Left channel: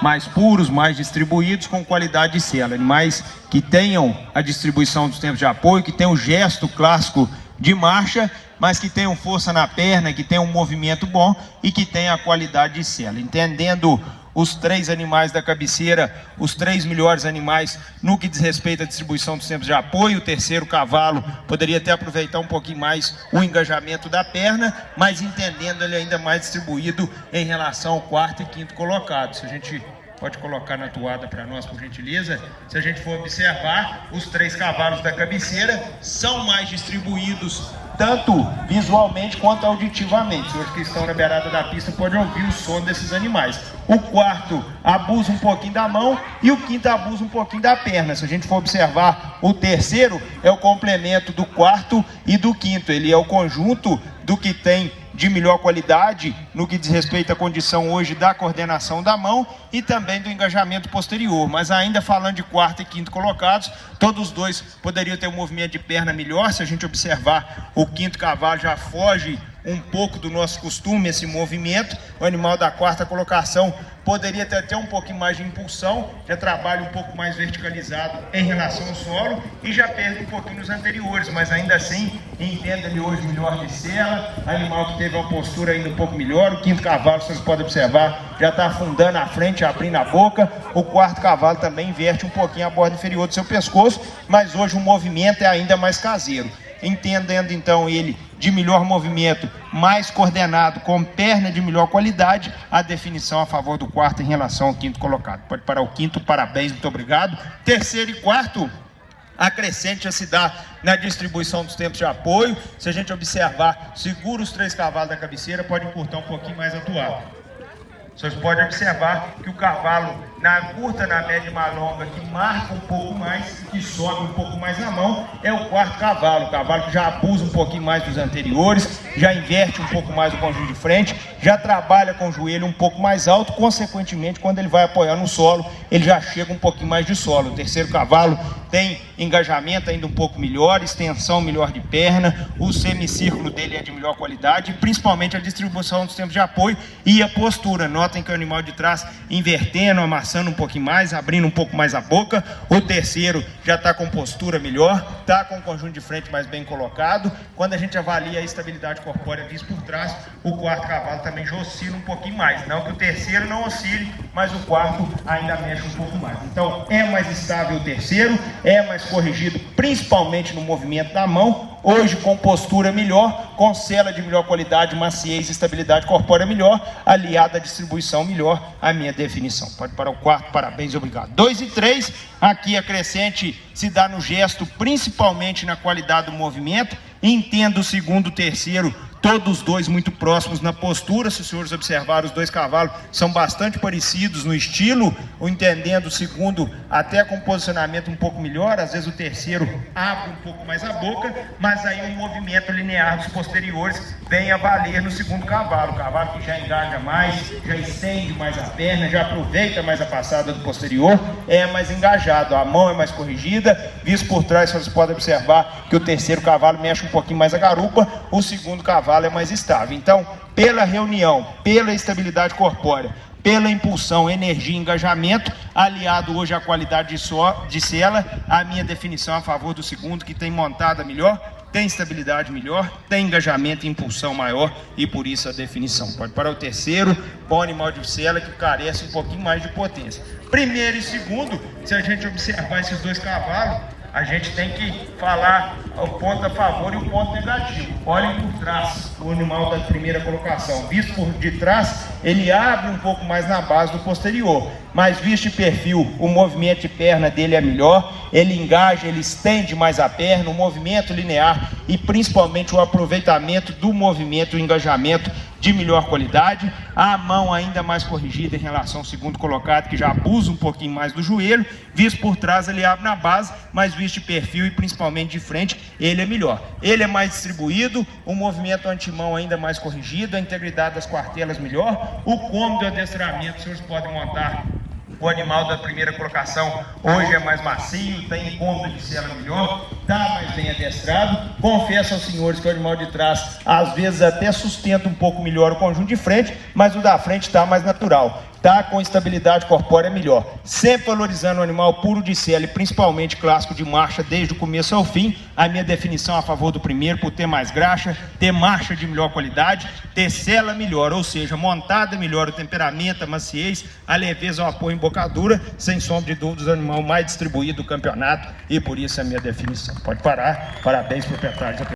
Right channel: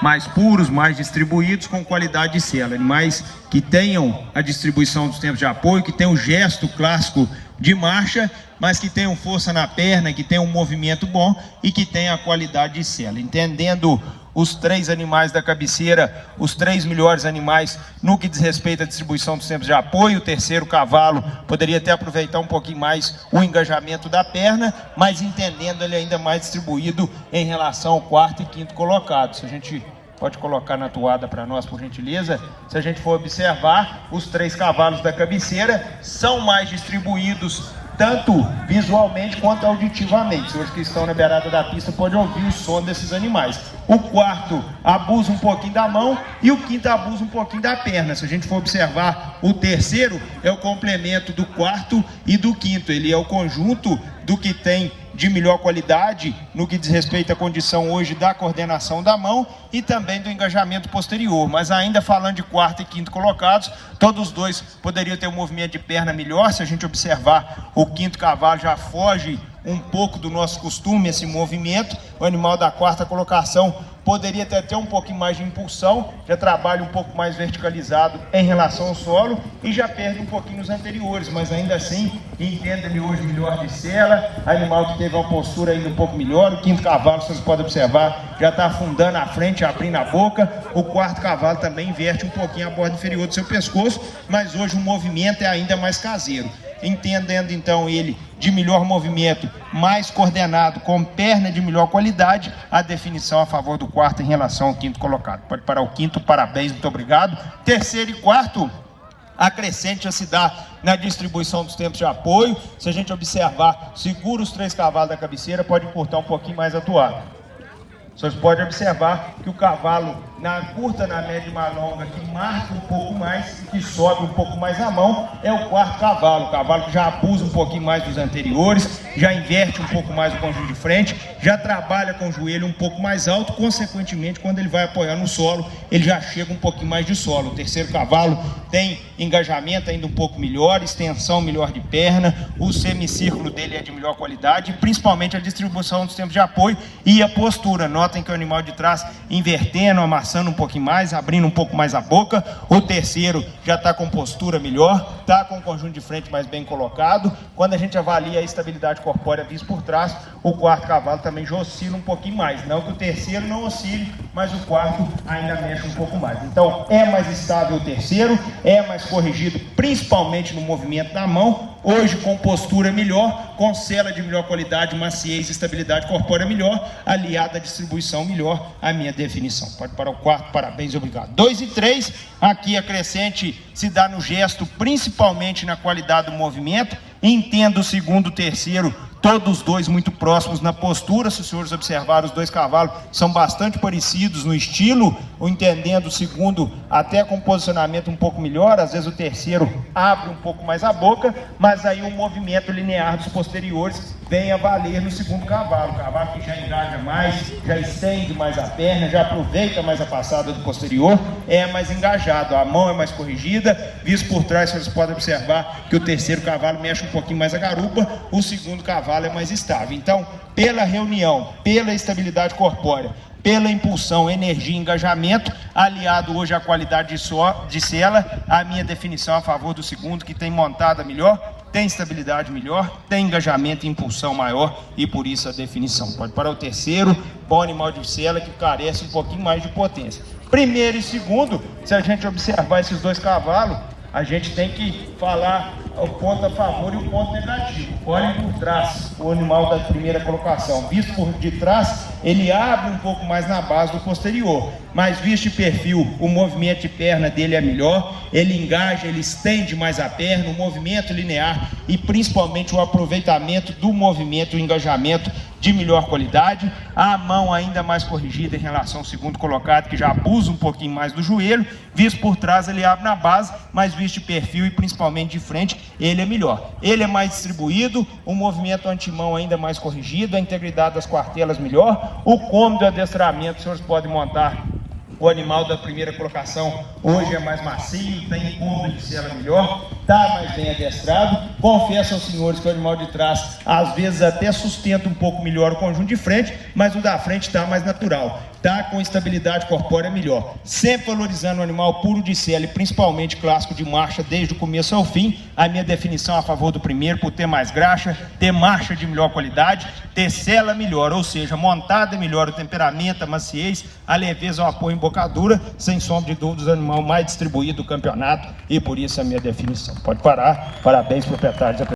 mais puros, mais distribuídos, com qualidade de sela. Animais que tenham a distribuição dos tempos de apoio, que tenham o gesto clássico de marcha, mas que tenham força na perna, que tenham um movimento bom e que tenham a qualidade de sela. Entendendo os 3 animais da cabeceira, os 3 melhores animais no que diz respeito à distribuição dos tempos de apoio. O terceiro cavalo poderia até aproveitar um pouquinho mais o engajamento da perna, mas entendendo ele ainda mais distribuído em relação ao quarto e quinto colocado. Se a gente pode colocar na toada para nós, por gentileza. Se a gente for observar, os 3 cavalos da cabeceira são mais distribuídos tanto visualmente quanto auditivamente. Os que estão na beirada da pista podem ouvir o som desses animais. O quarto abusa um pouquinho da mão e o quinto abusa um pouquinho da perna. Se a gente for observar, o terceiro é o complemento do quarto e do quinto. Ele é o conjunto do que tem de melhor qualidade no que diz respeito à condição hoje da coordenação da mão e também do engajamento posterior. Mas ainda falando de quarto e quinto colocados, todos os dois poderiam ter um movimento de perna melhor. Se a gente observar, o quinto cavalo já foge um pouco do nosso costume esse movimento. O animal da quarta colocação poderia ter até um pouquinho mais de impulsão, já trabalha um pouco mais verticalizado em relação ao solo e já perde um pouquinho nos anteriores, mas ainda assim entenda-me hoje melhor de sela, animal que teve uma postura ainda um pouco melhor. O quinto cavalo, vocês podem observar, já está afundando a frente, abrindo a boca. O quarto cavalo também inverte um pouquinho a borda inferior do seu pescoço, mas hoje o movimento é ainda mais caseiro. Entendendo então ele de melhor movimento, mais coordenado, com perna de melhor qualidade, a definição a favor do quarto em relação ao quinto colocado. Pode parar o quinto, parabéns, muito obrigado. Terceiro e quarto, a crescente já se dá na distribuição dos tempos de apoio. Se a gente observar, segura os 3 cavalos da cabeceira, pode encurtar um pouquinho mais a toada. Vocês podem observar que o cavalo, na curta, na média e na longa, que marca um pouco mais, que sobe um pouco mais a mão, é o quarto cavalo. O cavalo que já abusa um pouquinho mais dos anteriores, já inverte um pouco mais o conjunto de frente, já trabalha com o joelho um pouco mais alto, consequentemente, quando ele vai apoiar no solo, ele já chega um pouquinho mais de solo. O terceiro cavalo tem engajamento ainda um pouco melhor, extensão melhor de perna, o semicírculo dele é de melhor qualidade, principalmente a distribuição dos tempos de apoio e a postura. Notem que o animal de trás invertendo, amassando um pouquinho mais, abrindo um pouco mais a boca. O terceiro já está com postura melhor, está com o conjunto de frente mais bem colocado. Quando a gente avalia a estabilidade corpórea vista por trás, o quarto cavalo também já oscila um pouquinho mais. Não que o terceiro não oscile, mas o quarto ainda mexe um pouco mais. Então é mais estável o terceiro, é mais corrigido principalmente no movimento da mão, hoje com postura melhor, com sela de melhor qualidade, maciez e estabilidade corpórea melhor, aliada à distribuição melhor, a minha definição. Pode parar o quarto, parabéns, obrigado. 2 e 3, aqui a crescente se dá no gesto, principalmente na qualidade do movimento. Entendo o segundo e o terceiro, todos os dois muito próximos na postura. Se os senhores observarem, os 2 cavalos são bastante parecidos no estilo, entendendo o segundo até com posicionamento um pouco melhor, às vezes o terceiro abre um pouco mais a boca, mas aí o movimento linear dos posteriores vem a valer no segundo cavalo. O cavalo que já engaja mais, já estende mais a perna, já aproveita mais a passada do posterior, é mais engajado, a mão é mais corrigida. Visto por trás, vocês podem observar que o terceiro cavalo mexe um pouquinho mais a garupa, o segundo cavalo é mais estável. Então, pela reunião, pela estabilidade corpórea, pela impulsão, energia e engajamento, aliado hoje à qualidade de sela, a minha definição a favor do segundo, que tem montada melhor, tem estabilidade melhor, tem engajamento e impulsão maior, e por isso a definição. Pode parar o terceiro, bom animal de sela que carece um pouquinho mais de potência. Primeiro e segundo, se a gente observar esses 2 cavalos, a gente tem que falar o ponto a favor e o ponto negativo. Olhem por trás o animal da primeira colocação. Visto por de trás, ele abre um pouco mais na base do posterior, mas visto de perfil, o movimento de perna dele é melhor, ele engaja, ele estende mais a perna, o movimento linear e principalmente o aproveitamento do movimento, o engajamento de melhor qualidade. A mão ainda mais corrigida em relação ao segundo colocado, que já abusa um pouquinho mais do joelho. Visto por trás, ele abre na base, mas visto de perfil e principalmente de frente, ele é melhor. Ele é mais distribuído, o movimento antimão ainda mais corrigido, a integridade das quartelas melhor, o cômodo de adestramento, os senhores podem montar o animal da primeira colocação hoje é mais macio, tem cômodo de sela melhor, está mais bem adestrado. Confesso aos senhores que o animal de trás às vezes até sustenta um pouco melhor o conjunto de frente, mas o da frente está mais natural. tá com estabilidade corpórea melhor. Sempre valorizando o animal puro de sela e principalmente clássico de marcha desde o começo ao fim. A minha definição a favor do primeiro, por ter mais graxa, ter marcha de melhor qualidade, ter sela melhor, ou seja, montada melhor, o temperamento, a maciez, a leveza, o apoio em bocadura, sem sombra de dúvidas, o animal mais distribuído do campeonato, e por isso é a minha definição. Pode parar. Parabéns, proprietários.